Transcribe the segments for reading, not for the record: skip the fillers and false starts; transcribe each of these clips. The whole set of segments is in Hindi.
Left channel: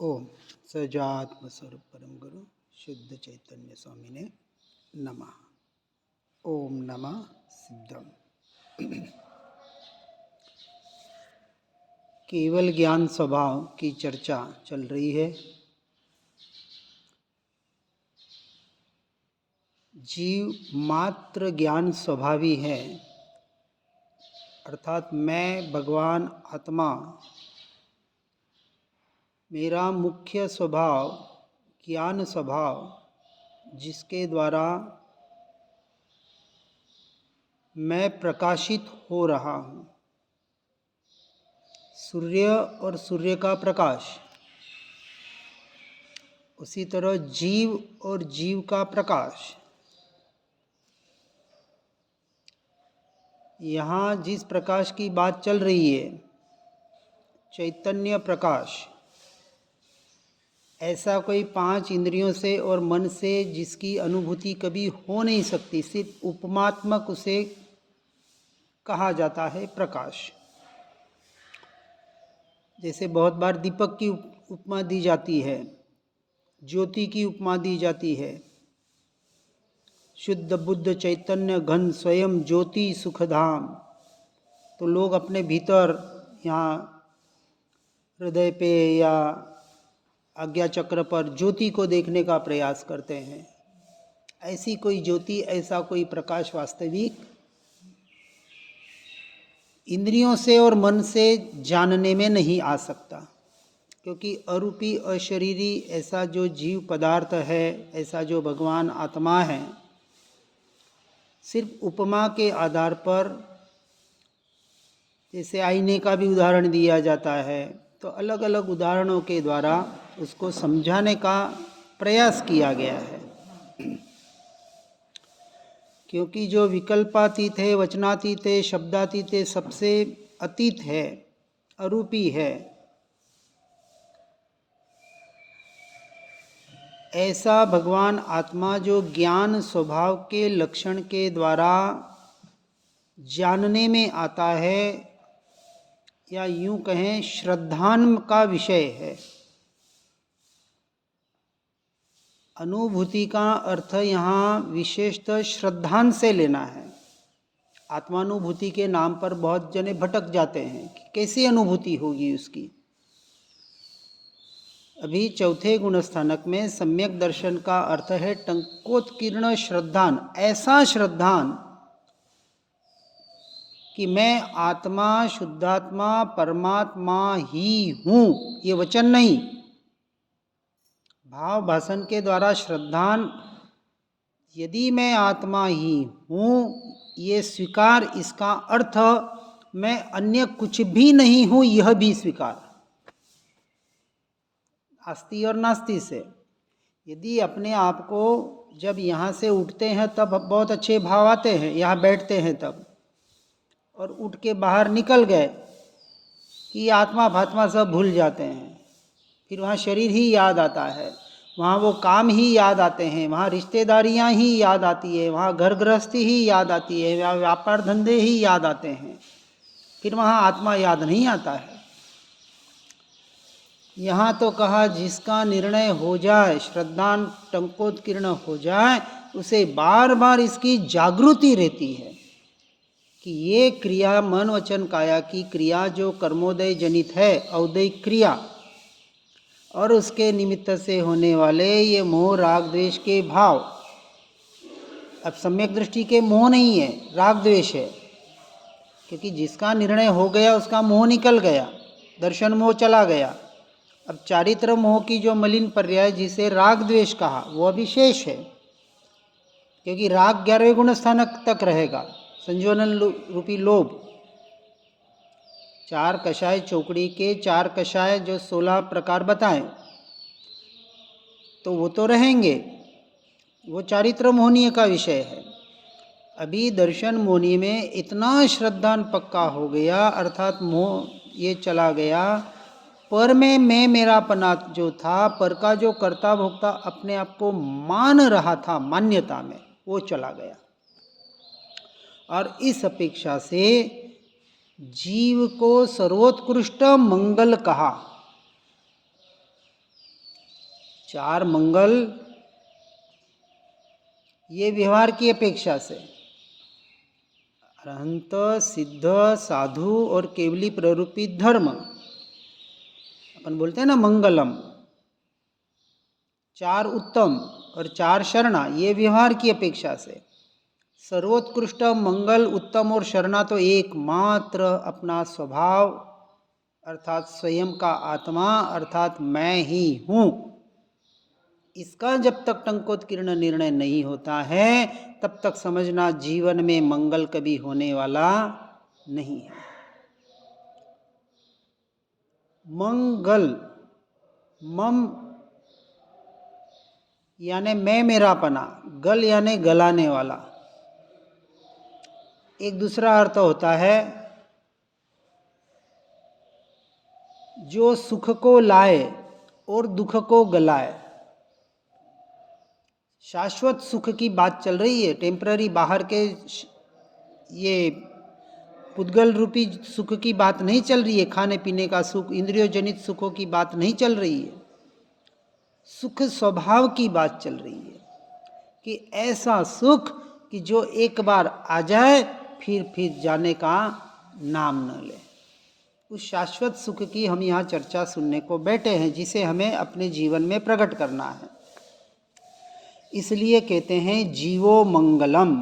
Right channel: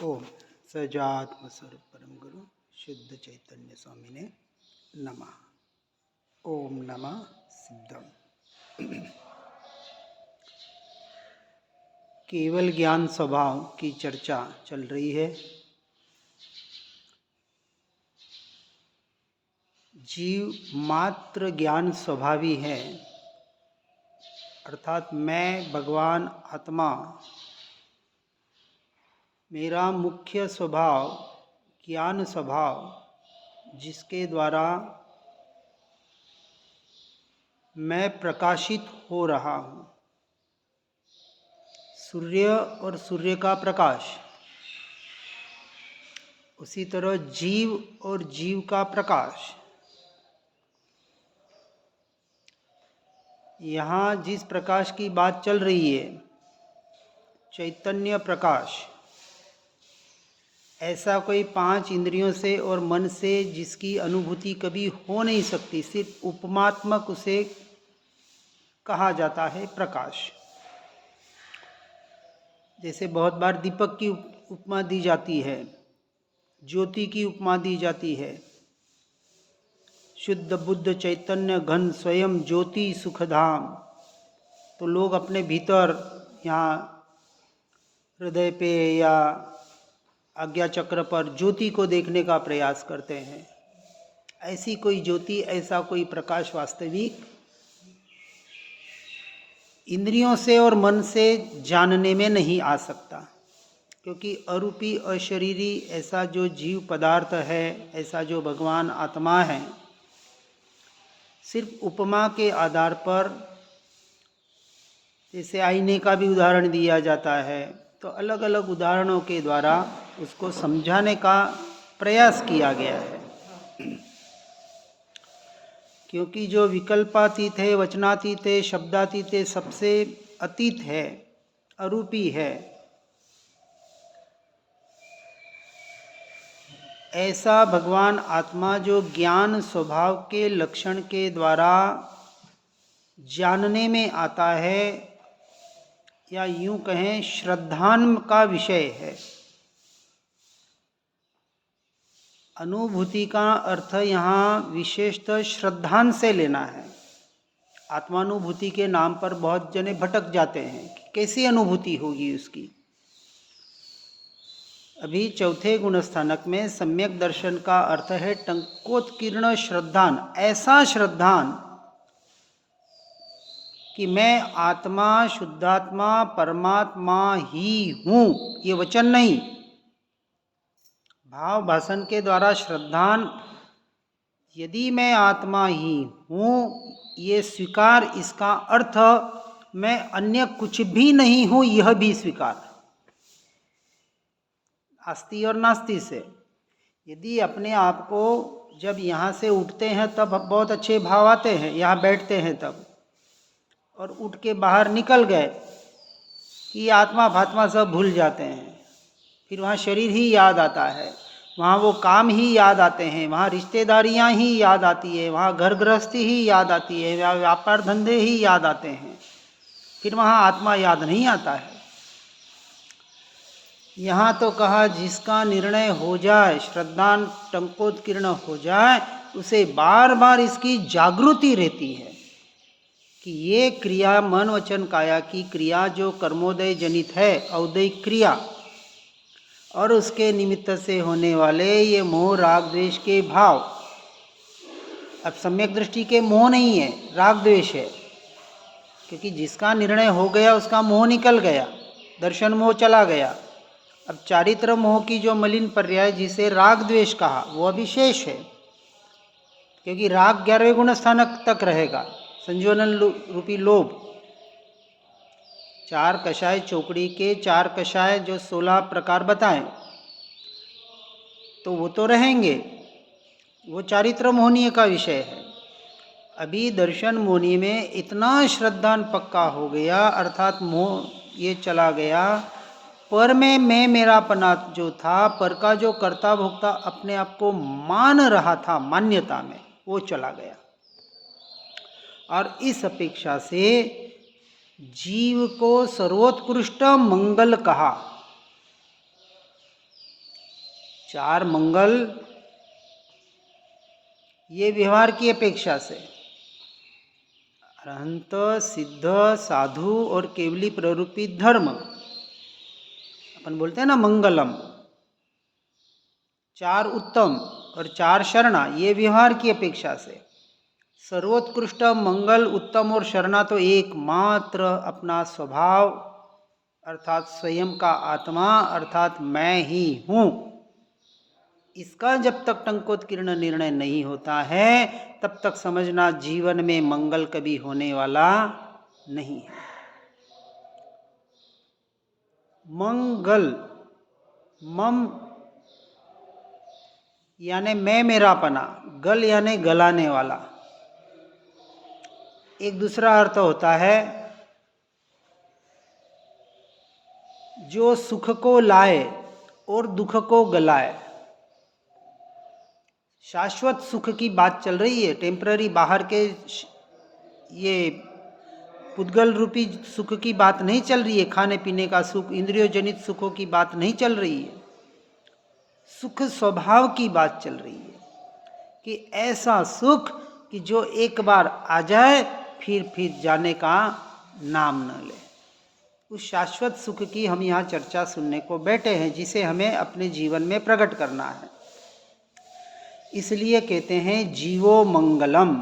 ओम सजात्म स्वरूप परम गुरु शुद्ध चैतन्य स्वामी ने नमः। ओम नमः सिद्धम। केवल ज्ञान स्वभाव की चर्चा चल रही है। जीव मात्र ज्ञान स्वभावी है, अर्थात मैं भगवान आत्मा, मेरा मुख्य स्वभाव ज्ञान स्वभाव, जिसके द्वारा मैं प्रकाशित हो रहा हूँ। सूर्य और सूर्य का प्रकाश, उसी तरह जीव और जीव का प्रकाश। यहाँ जिस प्रकाश की बात चल रही है, चैतन्य प्रकाश, ऐसा कोई 5 इंद्रियों से और मन से जिसकी अनुभूति कभी हो नहीं सकती, सिर्फ उपमात्मक उसे कहा जाता है प्रकाश। जैसे बहुत बार दीपक की उपमा दी जाती है, ज्योति की उपमा दी जाती है। शुद्ध बुद्ध चैतन्य घन स्वयं ज्योति सुखधाम। तो लोग अपने भीतर यहाँ हृदय पे या आज्ञा चक्र पर ज्योति को देखने का प्रयास करते हैं। ऐसी कोई ज्योति, ऐसा कोई प्रकाश वास्तविक इंद्रियों से और मन से जानने में नहीं आ सकता, क्योंकि अरूपी अशरीरी ऐसा जो जीव पदार्थ है, ऐसा जो भगवान आत्मा है, सिर्फ उपमा के आधार पर, जैसे आईने का भी उदाहरण दिया जाता है, तो अलग अलग उदाहरणों के द्वारा उसको समझाने का प्रयास किया गया है। क्योंकि जो विकल्पातीत है, वचनातीत है, शब्दातीत है, सबसे अतीत है, अरूपी है, ऐसा भगवान आत्मा जो ज्ञान स्वभाव के लक्षण के द्वारा जानने में आता है, या यूं कहें श्रद्धान का विषय है। अनुभूति का अर्थ यहाँ विशेषतः श्रद्धान से लेना है। आत्मानुभूति के नाम पर बहुत जने भटक जाते हैं कि कैसी अनुभूति होगी उसकी। अभी चौथे गुणस्थानक में सम्यक दर्शन का अर्थ है टंकोत्कीर्ण श्रद्धान, ऐसा श्रद्धान कि मैं आत्मा, शुद्धात्मा, परमात्मा ही हूँ। ये वचन नहीं, भाव भाषण के द्वारा श्रद्धान, यदि मैं आत्मा ही हूँ, ये स्वीकार, इसका अर्थ मैं अन्य कुछ भी नहीं हूँ, यह भी स्वीकार। आस्ति और नास्ति से, यदि अपने आप को जब यहाँ से उठते हैं तब बहुत अच्छे भाव आते हैं, यहाँ बैठते हैं तब, और उठ के बाहर निकल गए कि आत्मा फात्मा सब भूल जाते हैं। फिर वहाँ शरीर ही याद आता है, वहाँ वो काम ही याद आते हैं, वहाँ रिश्तेदारियाँ ही याद आती है, वहाँ घर गृहस्थी ही याद आती है, वहाँ व्यापार धंधे ही याद आते हैं। फिर वहाँ आत्मा याद नहीं आता है। यहाँ तो कहा जिसका निर्णय हो जाए, श्रद्धान टंकोत्कीर्ण हो जाए, उसे बार बार इसकी जागृति रहती है कि ये क्रिया, मन वचन काया की क्रिया जो कर्मोदय जनित है, औदयिक क्रिया, और उसके निमित्त से होने वाले ये मोह राग द्वेष के भाव, अब सम्यक दृष्टि के मोह नहीं है, राग द्वेष है। क्योंकि जिसका निर्णय हो गया उसका मोह निकल गया, दर्शन मोह चला गया। अब चारित्र मोह की जो मलिन पर्याय जिसे राग द्वेष कहा, वो अभिशेष है, क्योंकि राग 11वें गुण स्थानक तक रहेगा, संजोनन रूपी लोभ। 4 कषाय चौकड़ी के 4 कषाय जो 16 प्रकार बताएं, तो वो तो रहेंगे, वो चारित्र मोहनीय का विषय है। अभी दर्शन मोहनी में इतना श्रद्धान पक्का हो गया, अर्थात मोह ये चला गया, पर में मैं मेरापना जो था, पर का जो कर्ता भोक्ता अपने आप को मान रहा था, मान्यता में, वो चला गया। और इस अपेक्षा से जीव को सर्वोत्कृष्ट मंगल कहा। चार मंगल ये व्यवहार की अपेक्षा से, अरहंत, सिद्ध, साधु और केवली प्ररूपी धर्म, अपन बोलते हैं ना मंगलम, चार उत्तम और चार शरणा, ये व्यवहार की अपेक्षा से। सर्वोत्कृष्ट मंगल, उत्तम और शरणा तो एकमात्र अपना स्वभाव अर्थात स्वयं का आत्मा अर्थात मैं ही हूँ, इसका जब तक टंकोत्कीर्ण निर्णय नहीं होता है तब तक समझना जीवन में मंगल कभी होने वाला नहीं है। मंगल, मम यानी मैं मेरापना, गल यानी गलाने वाला। एक दूसरा अर्थ होता है जो सुख को लाए और दुख को गलाए। शाश्वत सुख की बात चल रही है, टेम्पररी बाहर के ये पुद्गल रूपी सुख की बात नहीं चल रही है, खाने पीने का सुख, इंद्रियों जनित सुखों की बात नहीं चल रही है। सुख स्वभाव की बात चल रही है कि ऐसा सुख कि जो एक बार आ जाए फिर जाने का नाम न ले। उस शाश्वत सुख की हम यहाँ चर्चा सुनने को बैठे हैं, जिसे हमें अपने जीवन में प्रकट करना है। इसलिए कहते हैं जीवो मंगलम,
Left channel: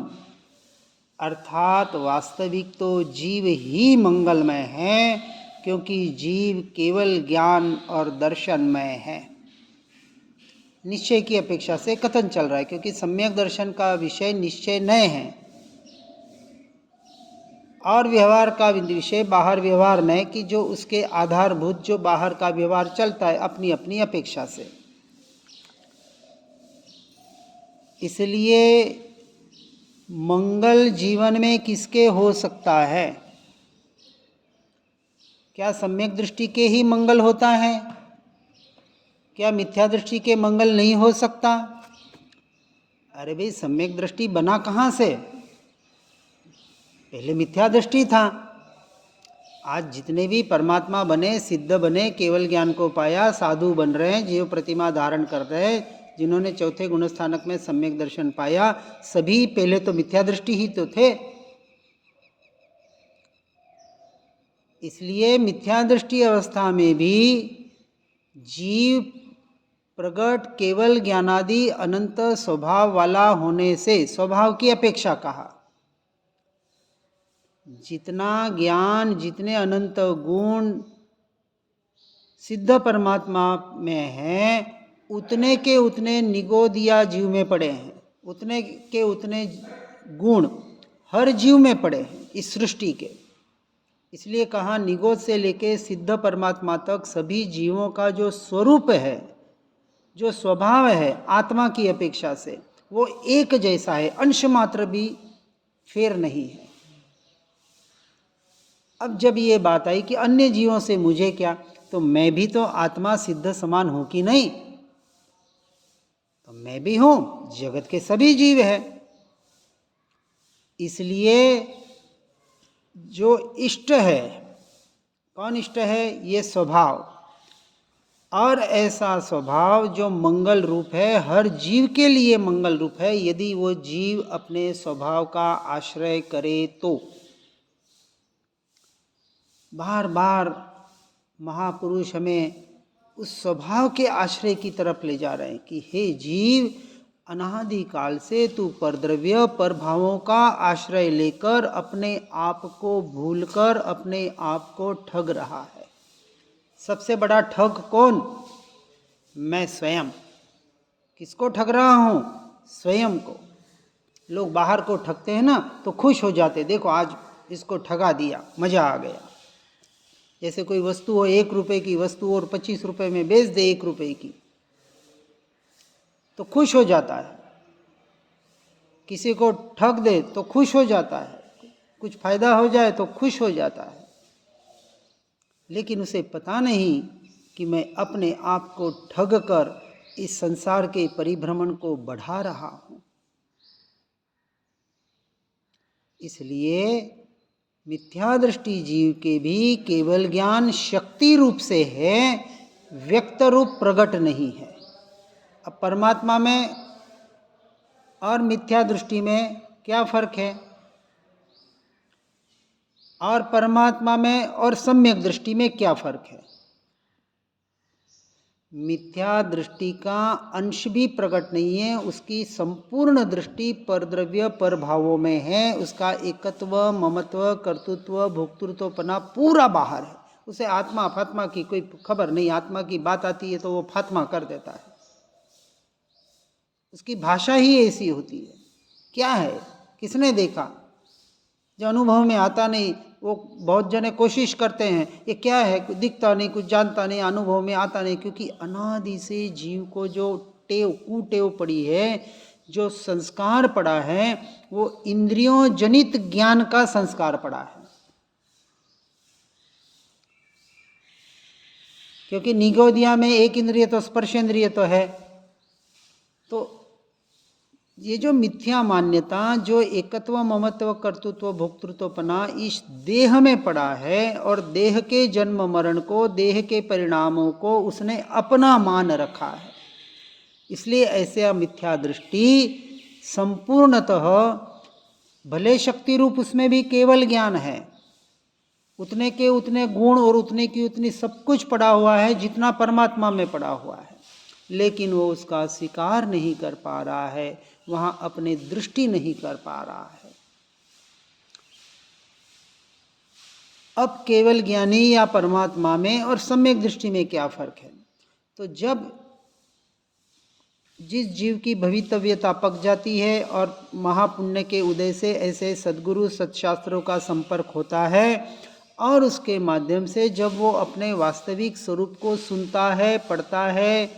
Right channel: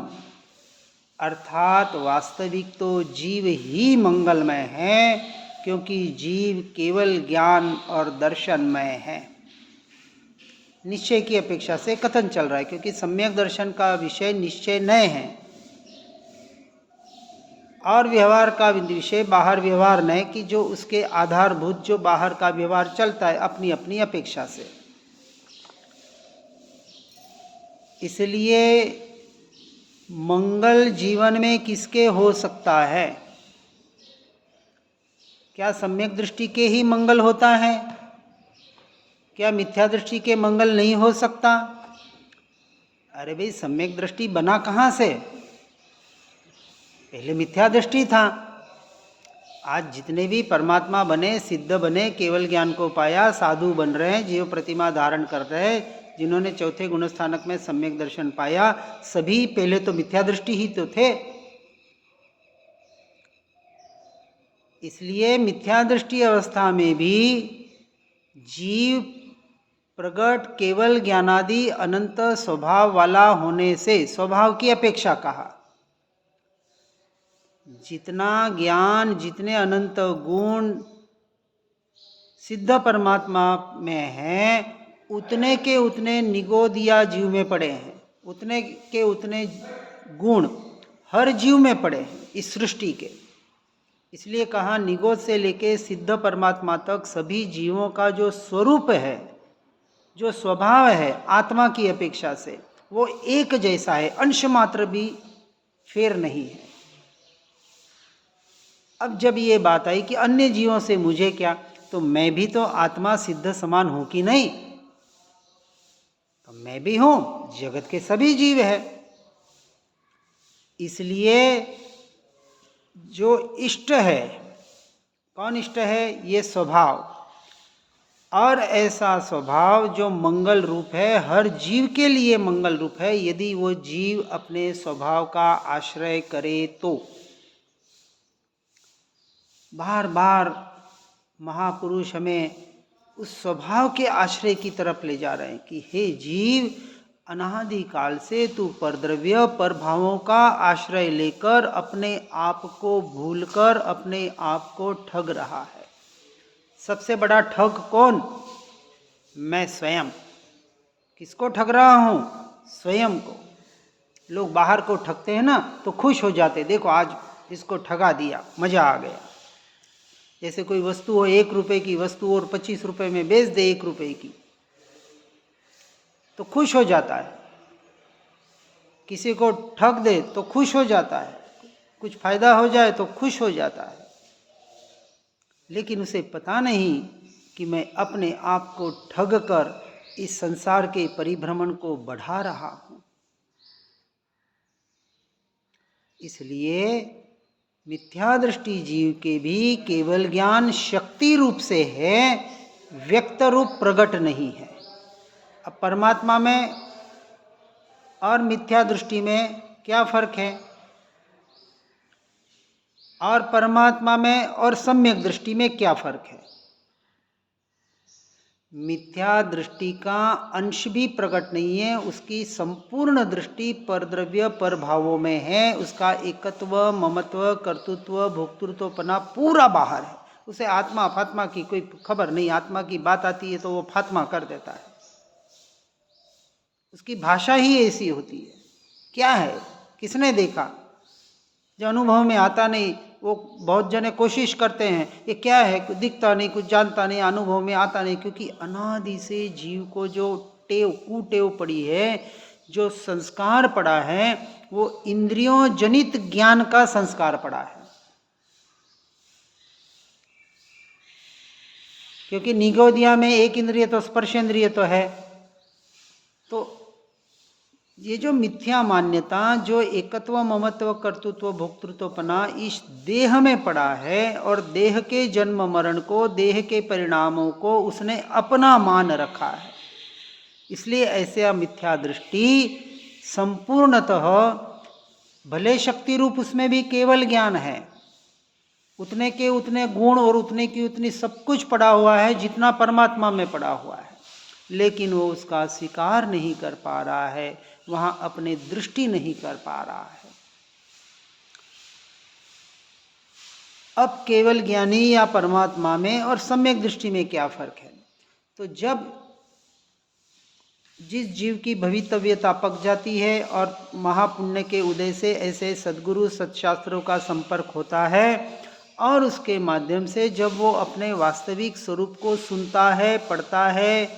अर्थात वास्तविक तो जीव ही मंगलमय है, क्योंकि जीव केवल ज्ञान और दर्शनमय है। निश्चय की अपेक्षा से कथन चल रहा है, क्योंकि सम्यक दर्शन का विषय निश्चय नय है और व्यवहार का विषय बाहर व्यवहार नय, कि जो उसके आधारभूत जो बाहर का व्यवहार चलता है अपनी अपनी अपेक्षा से। इसलिए मंगल जीवन में किसके हो सकता है? क्या सम्यक दृष्टि के ही मंगल होता है? क्या मिथ्या दृष्टि के मंगल नहीं हो सकता? अरे भाई, सम्यक दृष्टि बना कहाँ से? पहले मिथ्या दृष्टि था। आज जितने भी परमात्मा बने, सिद्ध बने, केवल ज्ञान को पाया, साधु बन रहे हैं, जीव प्रतिमा धारण कर रहे हैं, जिन्होंने चौथे गुणस्थानक में सम्यक दर्शन पाया, सभी पहले तो मिथ्या दृष्टि ही तो थे। इसलिए मिथ्या दृष्टि अवस्था में भी जीव प्रगट केवल ज्ञानादि अनंत स्वभाव वाला होने से, स्वभाव की अपेक्षा कहा, जितना ज्ञान, जितने अनंत गुण सिद्ध परमात्मा में हैं, उतने के उतने निगोद या जीव में पड़े हैं, उतने के उतने गुण हर जीव में पड़े हैं इस सृष्टि के। इसलिए कहा निगोद से लेके सिद्ध परमात्मा तक सभी जीवों का जो स्वरूप है, जो स्वभाव है आत्मा की अपेक्षा से, वो एक जैसा है, अंश मात्र भी फेर नहीं है। अब जब ये बात आई कि अन्य जीवों से मुझे क्या, तो मैं भी तो आत्मा सिद्ध समान हूं कि नहीं? तो मैं भी हूं, जगत के सभी जीव है। इसलिए जो इष्ट है, कौन इष्ट है? ये स्वभाव, और ऐसा स्वभाव जो मंगल रूप है, हर जीव के लिए मंगल रूप है, यदि वो जीव अपने स्वभाव का आश्रय करे तो। बार बार महापुरुष हमें उस स्वभाव के आश्रय की तरफ ले जा रहे हैं कि हे जीव, अनादि काल से तू परद्रव्य पर भावों का आश्रय लेकर अपने आप को भूलकर अपने आप को ठग रहा है। सबसे बड़ा ठग कौन? मैं स्वयं। किसको ठग रहा हूँ? स्वयं को। लोग बाहर को ठगते हैं ना तो खुश हो जाते, देखो आज इसको ठगा दिया, मज़ा आ गया। जैसे कोई वस्तु हो, 1 रुपए की वस्तु और 25 रुपए में बेच दे 1 रुपए की, तो खुश हो जाता है। किसी को ठग दे तो खुश हो जाता है, कुछ फायदा हो जाए तो खुश हो जाता है। लेकिन उसे पता नहीं कि मैं अपने आप को ठग कर इस संसार के परिभ्रमण को बढ़ा रहा हूँ। इसलिए मिथ्या दृष्टि जीव के भी केवल ज्ञान शक्ति रूप से है, व्यक्त रूप प्रकट नहीं है। अब परमात्मा में और मिथ्या दृष्टि में क्या फर्क है, और परमात्मा में और सम्यक दृष्टि में क्या फर्क है। मिथ्या दृष्टि का अंश भी प्रकट नहीं है, उसकी संपूर्ण दृष्टि परद्रव्य पर भावों में है, उसका एकत्व, ममत्व, कर्तृत्व, भोक्तृत्वपना पूरा बाहर है। उसे आत्मा फात्मा की कोई खबर नहीं, आत्मा की बात आती है तो वो फात्मा कर देता है। उसकी भाषा ही ऐसी होती है। क्या है, किसने देखा, जो अनुभव में आता नहीं। वो बहुत जने कोशिश करते हैं, ये क्या है, कुछ दिखता नहीं, कुछ जानता नहीं, अनुभव में आता नहीं, क्योंकि अनादि से जीव को जो टेव कुटेव पड़ी है, जो संस्कार पड़ा है, वो इंद्रियों जनित ज्ञान का संस्कार पड़ा है। क्योंकि निगोदिया में एक इंद्रिय तो स्पर्शेंद्रिय तो है। तो ये जो मिथ्या मान्यता, जो एकत्व, ममत्व, कर्तृत्व, भोक्तृत्वपना इस देह में पड़ा है, और देह के जन्म मरण को, देह के परिणामों को उसने अपना मान रखा है। इसलिए ऐसे मिथ्या दृष्टि संपूर्णतः, भले शक्ति रूप उसमें भी केवल ज्ञान है, उतने के उतने गुण और उतने की उतनी सब कुछ पड़ा हुआ है जितना परमात्मा में पड़ा हुआ है, लेकिन वो उसका स्वीकार नहीं कर पा रहा है, वहाँ अपनी दृष्टि नहीं कर पा रहा है। अब केवल ज्ञानी या परमात्मा में और सम्यक दृष्टि में क्या फर्क है। तो जब जिस जीव की भवितव्यता पक जाती है और महापुण्य के उदय से ऐसे सद्गुरु सत्शास्त्रों का संपर्क होता है, और उसके माध्यम से जब वो अपने वास्तविक स्वरूप को सुनता है, पढ़ता है,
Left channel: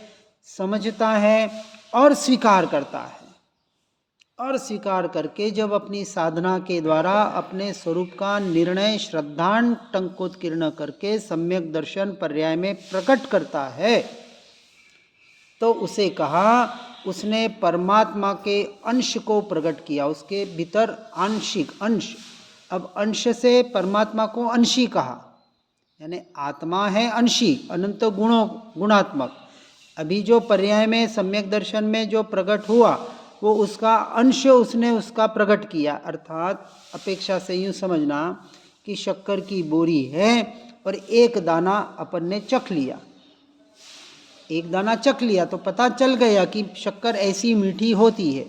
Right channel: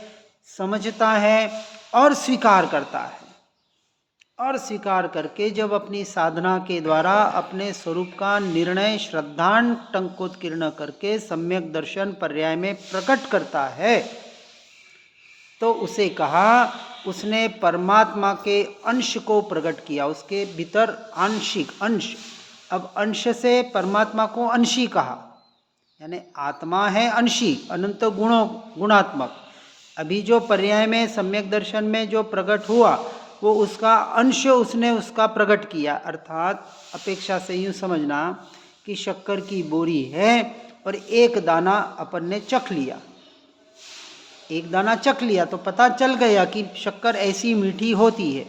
समझता है और स्वीकार करता है, और स्वीकार करके जब अपनी साधना के द्वारा अपने स्वरूप का निर्णय श्रद्धान टंकोत्कीर्ण करके सम्यक दर्शन पर्याय में प्रकट करता है, तो उसे कहा उसने परमात्मा के अंश को प्रकट किया, उसके भीतर आंशिक अंश। अब अंश से परमात्मा को अंशी कहा, यानी आत्मा है अंशी, अनंत गुणों गुणात्मक। अभी जो पर्याय में सम्यक दर्शन में जो प्रकट हुआ, वो उसका अंश उसने उसका प्रकट किया। अर्थात अपेक्षा से यूँ समझना कि शक्कर की बोरी है और एक दाना अपन ने चख लिया, एक दाना चख लिया तो पता चल गया कि शक्कर ऐसी मीठी होती है।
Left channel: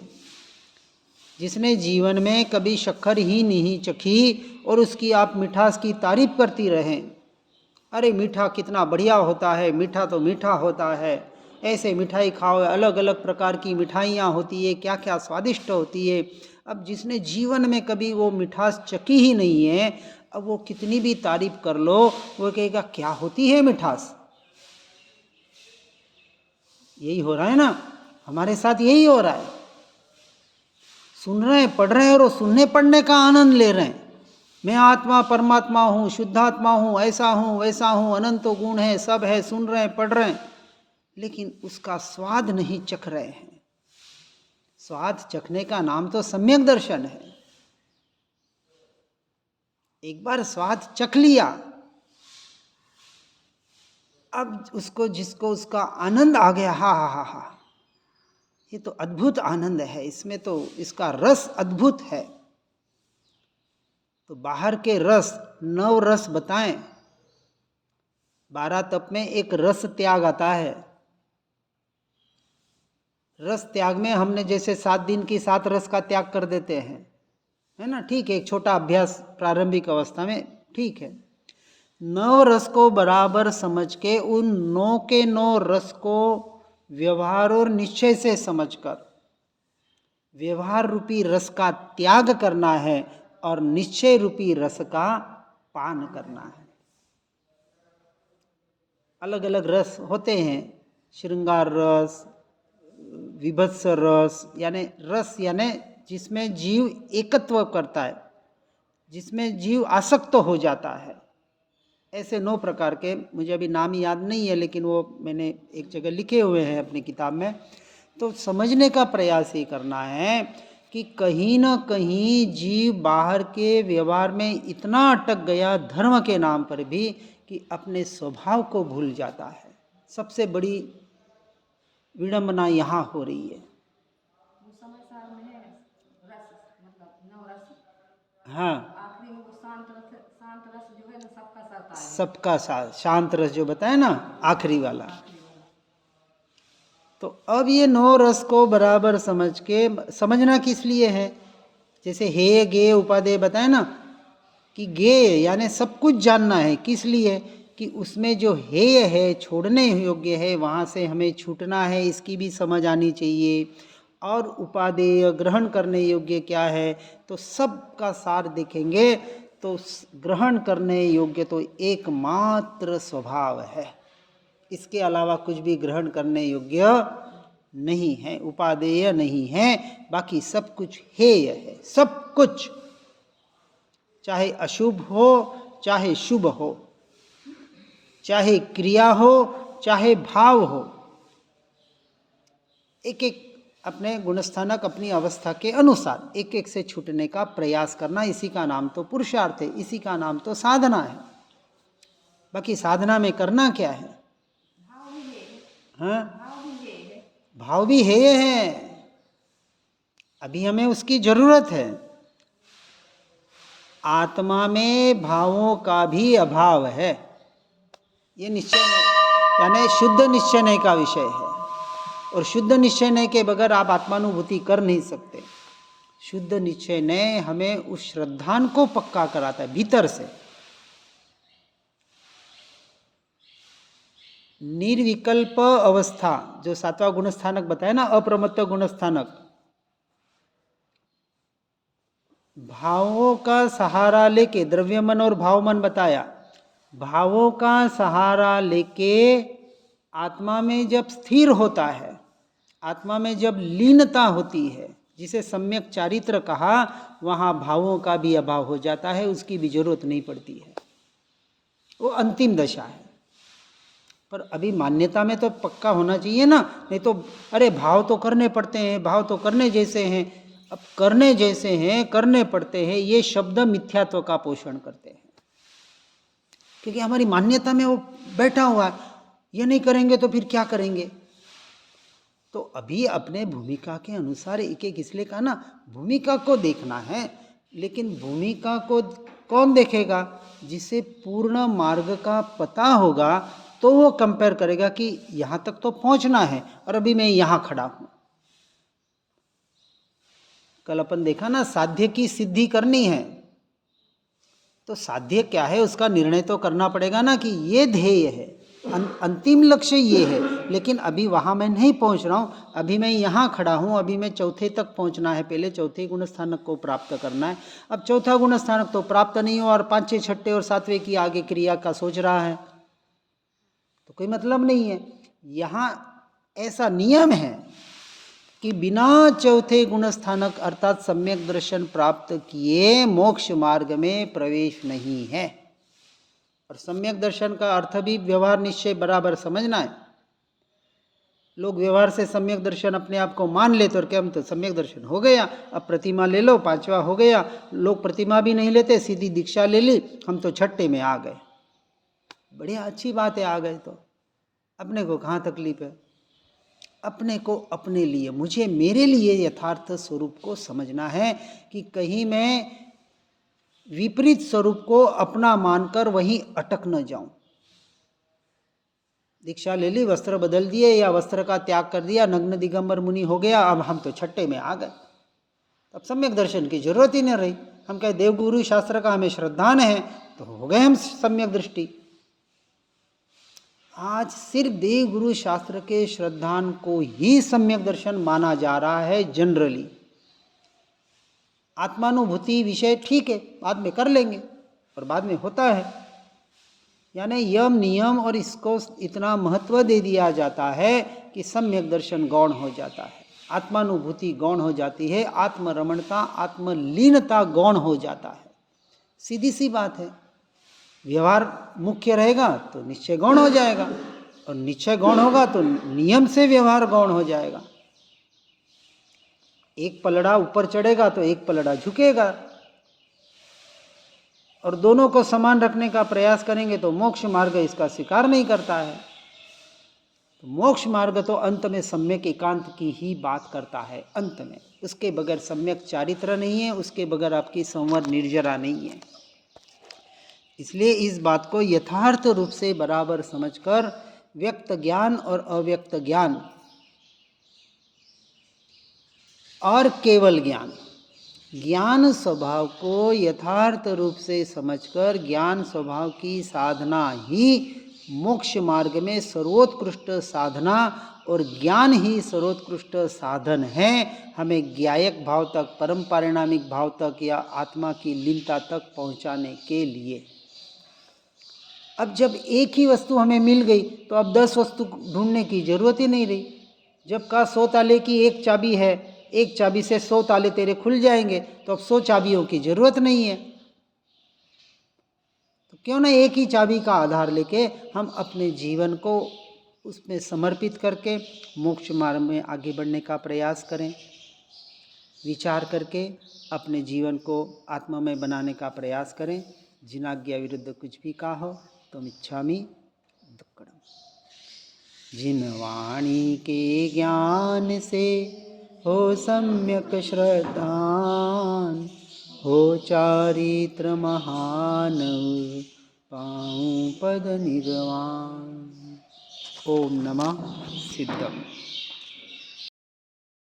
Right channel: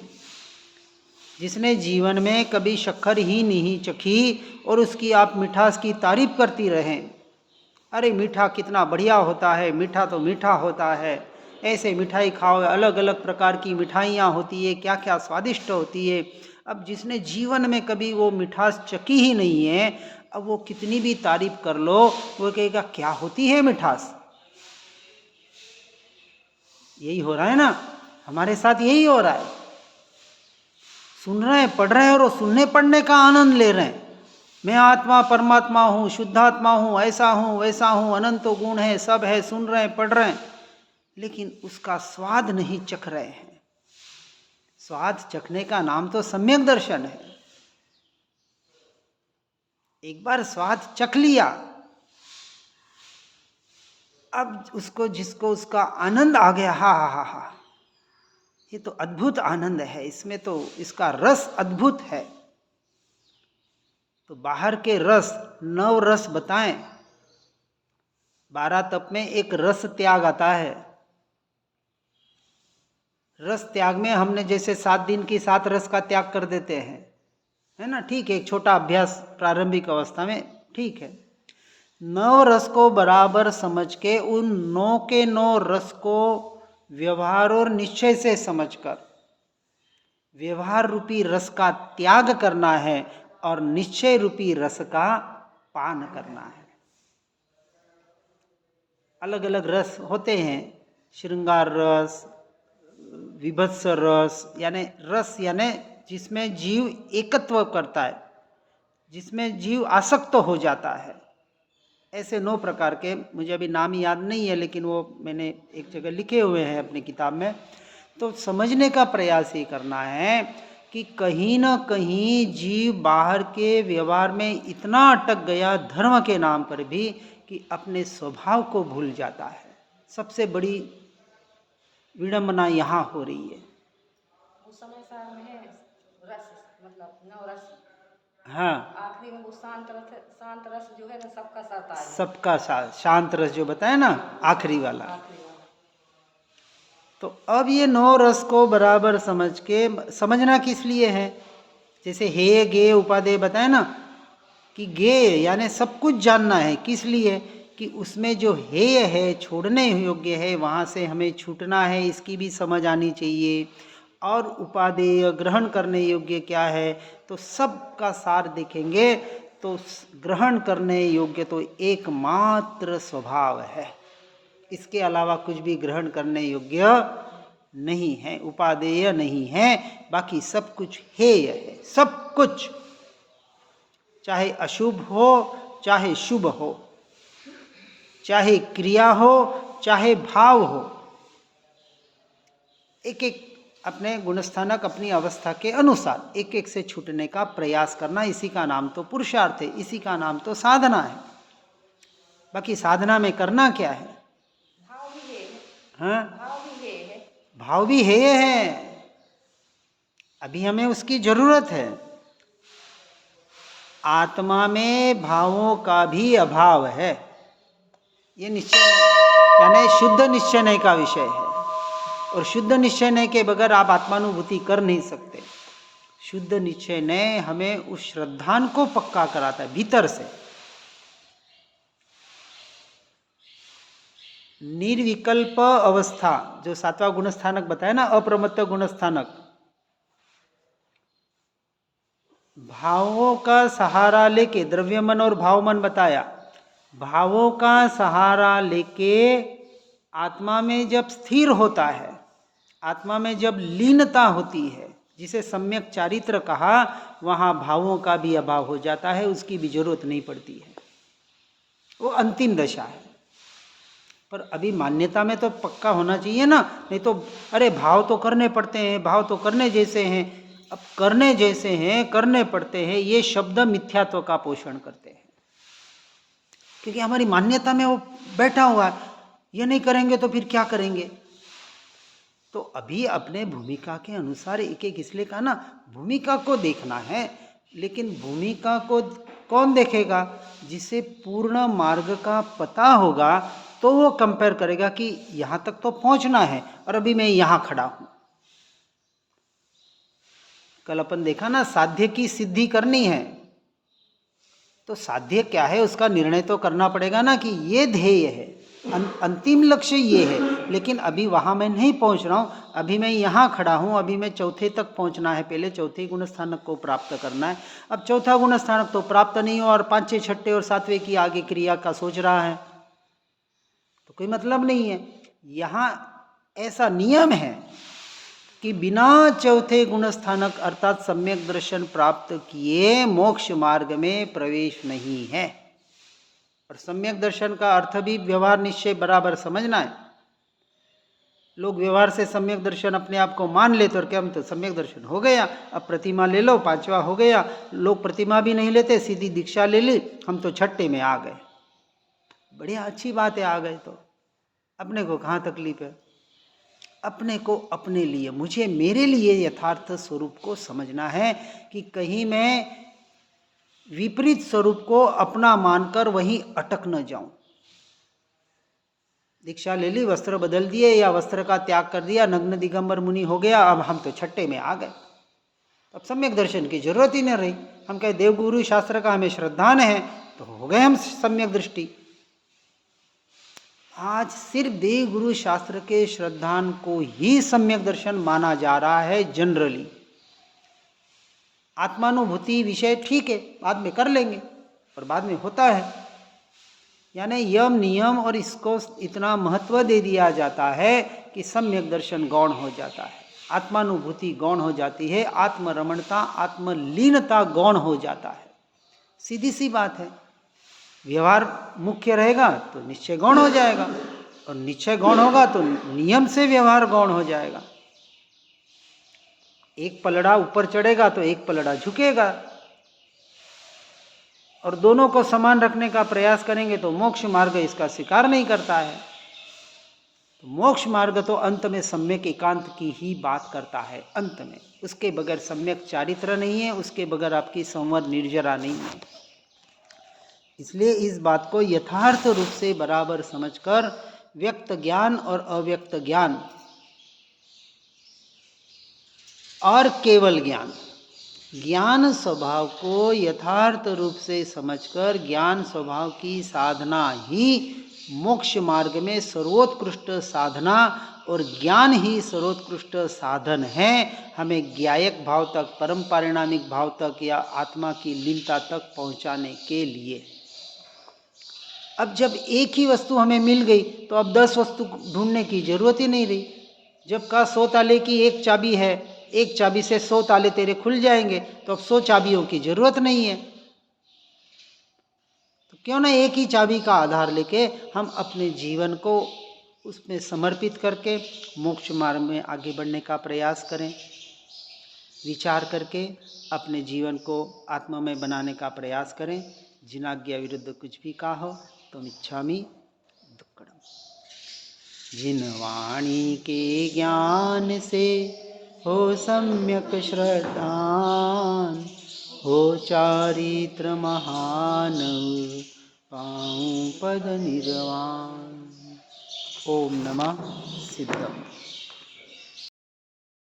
जिसने जीवन में कभी शक्कर ही नहीं चखी और उसकी आप मिठास की तारीफ करती रहें, अरे मीठा कितना बढ़िया होता है, मीठा तो मीठा होता है, ऐसे मिठाई खाओ, अलग अलग प्रकार की मिठाइयाँ होती है, क्या क्या स्वादिष्ट होती है। अब जिसने जीवन में कभी वो मिठास चखी ही नहीं है, अब वो कितनी भी तारीफ कर लो, वो कहेगा क्या होती है मिठास। यही हो रहा है ना, हमारे साथ यही हो रहा है। सुन रहे हैं, पढ़ रहे हैं और सुनने पढ़ने का आनंद ले रहे हैं। मैं आत्मा परमात्मा हूँ, शुद्धात्मा हूँ, ऐसा हूँ वैसा हूँ, अनंत गुण है, सब है, सुन रहे हैं, पढ़ रहे हैं, लेकिन उसका स्वाद नहीं चख रहे हैं। स्वाद चखने का नाम तो सम्यक दर्शन है। एक बार स्वाद चख लिया, अब उसको जिसको उसका आनंद आ गया, हा हा हा हा, ये तो अद्भुत आनंद है, इसमें तो इसका रस अद्भुत है। तो बाहर के रस 9 रस बताएं, 12 तप में एक रस त्याग आता है। रस त्याग में हमने जैसे 7 दिन की 7 रस का त्याग कर देते हैं, है ना, ठीक है, एक छोटा अभ्यास प्रारंभिक अवस्था में ठीक है। 9 रस को बराबर समझ के उन 9 के 9 रस को व्यवहार और निश्चय से समझकर व्यवहार रूपी रस का त्याग करना है और निश्चय रूपी रस का पान करना है। अलग अलग रस होते हैं, श्रृंगार रस, विभत्स रस, यानी रस यानी जिसमें जीव एकत्व करता है, जिसमें जीव आसक्त हो जाता है। ऐसे 9 प्रकार के, मुझे अभी नाम याद नहीं है, लेकिन वो मैंने एक जगह लिखे हुए हैं अपनी किताब में। तो समझने का प्रयास ही करना है कि कहीं ना कहीं जीव बाहर के व्यवहार में इतना अटक गया धर्म के नाम पर भी कि अपने स्वभाव को भूल जाता है। सबसे बड़ी विडंबना यहाँ हो रही है। वो समय सार में है रस, मतलब नव रस। हाँ, आखिरी में वो शांत रस जो है ना, सबका साथ आएगा। सबका साथ, शांत रस जो बताया ना, आखिरी वाला। आखिरी वाला। तो अब ये 9 रस को बराबर समझ के, समझना किस लिए है, जैसे हे गे उपादेय बताया ना, कि गे यानी सब कुछ जानना है, किस लिए, कि उसमें जो हेय है, छोड़ने योग्य है, वहाँ से हमें छूटना है, इसकी भी समझ आनी चाहिए। और उपादेय ग्रहण करने योग्य क्या है, तो सबका सार देखेंगे तो ग्रहण करने योग्य तो एकमात्र स्वभाव है, इसके अलावा कुछ भी ग्रहण करने योग्य नहीं है, उपादेय नहीं है। बाकी सब कुछ हेय है, सब कुछ, चाहे अशुभ हो चाहे शुभ हो, चाहे क्रिया हो चाहे भाव हो, एक एक अपने गुणस्थानक, अपनी अवस्था के अनुसार एक एक से छूटने का प्रयास करना, इसी का नाम तो पुरुषार्थ है, इसी का नाम तो साधना है। बाकी साधना में करना क्या है? भाव भी है। हाँ, भाव भी है। भाव भी है, अभी हमें उसकी जरूरत है। आत्मा में भावों का भी अभाव है, ये निश्चय, यानी शुद्ध निश्चय का विषय है। और शुद्ध निश्चय के बगैर आप आत्मानुभूति कर नहीं सकते। शुद्ध निश्चय हमें उस श्रद्धान को पक्का कराता है भीतर से। निर्विकल्प अवस्था जो 7वां गुणस्थानक बताया ना, अप्रमत्त गुणस्थानक, भावों का सहारा लेके, द्रव्य मन और भाव मन बताया, भावों का सहारा लेके आत्मा में जब स्थिर होता है, आत्मा में जब लीनता होती है, जिसे सम्यक चारित्र कहा, वहाँ भावों का भी अभाव हो जाता है, उसकी भी जरूरत नहीं पड़ती है, वो अंतिम दशा है। पर अभी मान्यता में तो पक्का होना चाहिए ना, नहीं तो अरे भाव तो करने पड़ते हैं, भाव तो करने जैसे हैं। अब करने जैसे हैं, करने पड़ते हैं, ये शब्द मिथ्यात्व का पोषण करते हैं, क्योंकि हमारी मान्यता में वो बैठा हुआ है, ये नहीं करेंगे तो फिर क्या करेंगे। तो अभी अपने भूमिका के अनुसार एक एक, इसलिए कहा ना, भूमिका को देखना है। लेकिन भूमिका को कौन देखेगा? जिसे पूर्ण मार्ग का पता होगा, तो वो कंपेयर करेगा कि यहाँ तक तो पहुँचना है और अभी मैं यहाँ खड़ा हूँ। कल अपन देखा ना, साध्य की सिद्धि करनी है, तो साध्य क्या है उसका निर्णय तो करना पड़ेगा ना, कि ये ध्येय है, अंतिम लक्ष्य ये है, लेकिन अभी वहाँ मैं नहीं पहुँच रहा हूँ, अभी मैं यहाँ खड़ा हूँ, अभी मैं चौथे तक पहुँचना है, पहले चौथे गुणस्थानक को प्राप्त करना है। अब चौथा गुणस्थानक तो प्राप्त नहीं हो और 5, 6, 6 और 7वें की आगे क्रिया का सोच रहा है, तो कोई मतलब नहीं है। यहाँ ऐसा नियम है कि बिना चौथे गुणस्थानक अर्थात सम्यक दर्शन प्राप्त किए मोक्ष मार्ग में प्रवेश नहीं है। और सम्यक दर्शन का अर्थ भी व्यवहार निश्चय बराबर समझना है। लोग व्यवहार से सम्यक दर्शन अपने आप को मान लेते और क्या, हम तो सम्यक दर्शन हो गया, अब प्रतिमा ले लो, 5वां हो गया। लोग प्रतिमा भी नहीं लेते, सीधी दीक्षा ले ली, हम तो 6ठे में आ गए। बढ़िया, अच्छी बात है, आ गए तो अपने को कहाँ तकलीफ है। अपने को अपने लिए, मुझे मेरे लिए यथार्थ स्वरूप को समझना है, कि कहीं मैं विपरीत स्वरूप को अपना मानकर वहीं अटक न जाऊं। दीक्षा ले ली, वस्त्र बदल दिए या वस्त्र का त्याग कर दिया, नग्न दिगंबर मुनि हो गया, अब हम तो 6ठे में आ गए, अब सम्यक दर्शन की जरूरत ही नहीं रही। हम कहे देवगुरु शास्त्र का हमें श्रद्धान है, तो हो गए हम सम्यक दृष्टि। आज सिर्फ देव गुरु शास्त्र के श्रद्धान को ही सम्यक दर्शन माना जा रहा है जनरली। आत्मानुभूति विषय ठीक है, बाद में कर लेंगे, पर बाद में होता है, यानी यम नियम और इसको इतना महत्व दे दिया जाता है कि सम्यक दर्शन गौण हो जाता है, आत्मानुभूति गौण हो जाती है, आत्मरमणता, आत्मलीनता गौण हो जाता है। सीधी सी बात है। व्यवहार मुख्य रहेगा तो निश्चय गौण हो जाएगा, और निश्चय गौण होगा तो नियम से व्यवहार गौण हो जाएगा। एक पलड़ा ऊपर चढ़ेगा तो एक पलड़ा झुकेगा, और दोनों को समान रखने का प्रयास करेंगे तो मोक्ष मार्ग इसका स्वीकार नहीं करता है। तो मोक्ष मार्ग तो अंत में सम्यक एकांत की ही बात करता है। अंत में उसके बगैर सम्यक चारित्र नहीं है, उसके बगैर आपकी संवर निर्जरा नहीं है। इसलिए इस बात को यथार्थ रूप से बराबर समझकर व्यक्त ज्ञान और अव्यक्त ज्ञान और केवल ज्ञान, ज्ञान स्वभाव को यथार्थ रूप से समझकर ज्ञान स्वभाव की साधना ही मोक्ष मार्ग में सर्वोत्कृष्ट साधना और ज्ञान ही सर्वोत्कृष्ट साधन है हमें ज्ञायक भाव तक, परम पारिणामिक भाव तक या आत्मा की लीनता तक पहुंचाने के लिए। अब जब एक ही वस्तु हमें मिल गई तो अब 10 वस्तु ढूंढने की जरूरत ही नहीं रही। जब कहा 100 ताले की एक चाबी है, एक चाबी से 100 ताले तेरे खुल जाएंगे, तो अब 100 चाबियों की जरूरत नहीं है। तो क्यों ना एक ही चाबी का आधार लेके हम अपने जीवन को उसमें समर्पित करके मोक्ष मार्ग में आगे बढ़ने का प्रयास करें। विचार करके अपने जीवन को आत्मामय बनाने का प्रयास करें। जिनाज्ञा विरुद्ध कुछ भी कहा हो तो इच्छामि दुक्कड़म। जिन वाणी के ज्ञान से हो सम्यक श्रद्धान, हो चारित्र महान, पाऊं पद निर्वाण। ओम नमः सिद्धम।